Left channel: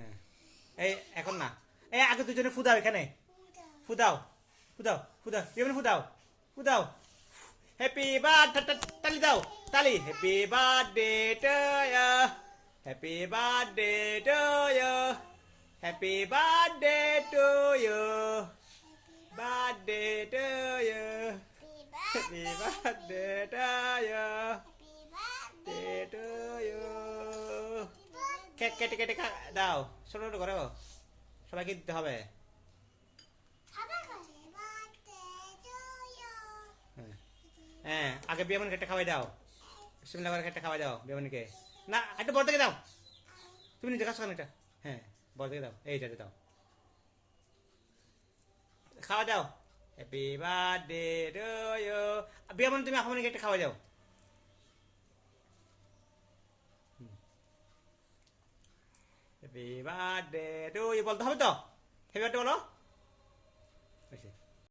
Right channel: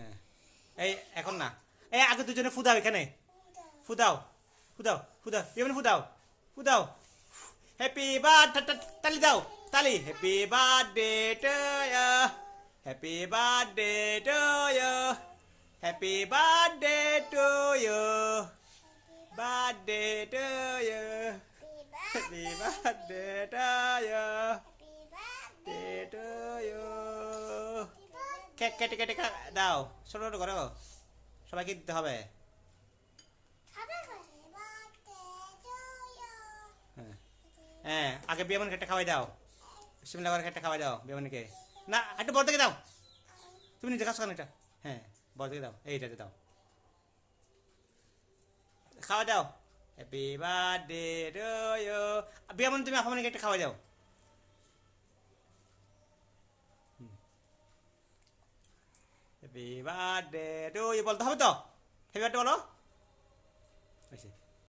হ্যাঁ এই এখন না, এই আগে দুজনে ফুদাও, এখানে ফুদাও ফুদাও ফুদাও, এমনি ফুদাও ফুদাও। হ্যাপি বার্থডে, তালি দাও তালি। Happy birthday to you, happy birthday to you, happy birthday to you, birthday to you, happy birthday to you, birthday to you. Cake কেটে কেটে দাও, ছোট ছোট করো, সবাইকে দিতে হবে। হ্যাঁ হ্যাঁ, আগে বিয়ামনকে একটা খাওয়াই দাও, বিসমিল্লাহ করে একটা খাওয়াই দাও বিয়ামনকে। না একটু বড় থেকে দাও, তুমি নিজে কাজ করো এটা। হ্যাঁ বড় থেকে দাও, এইটাতে দাও, খাওয়া দাও। Happy birthday to you. বিয়ামন তুমি আফামনিকে একটা খাওয়াই দাও। হ্যাপি বার্থডে টু ইউ বলতে হবে তো, হ্যাপি বার্থডে বলো।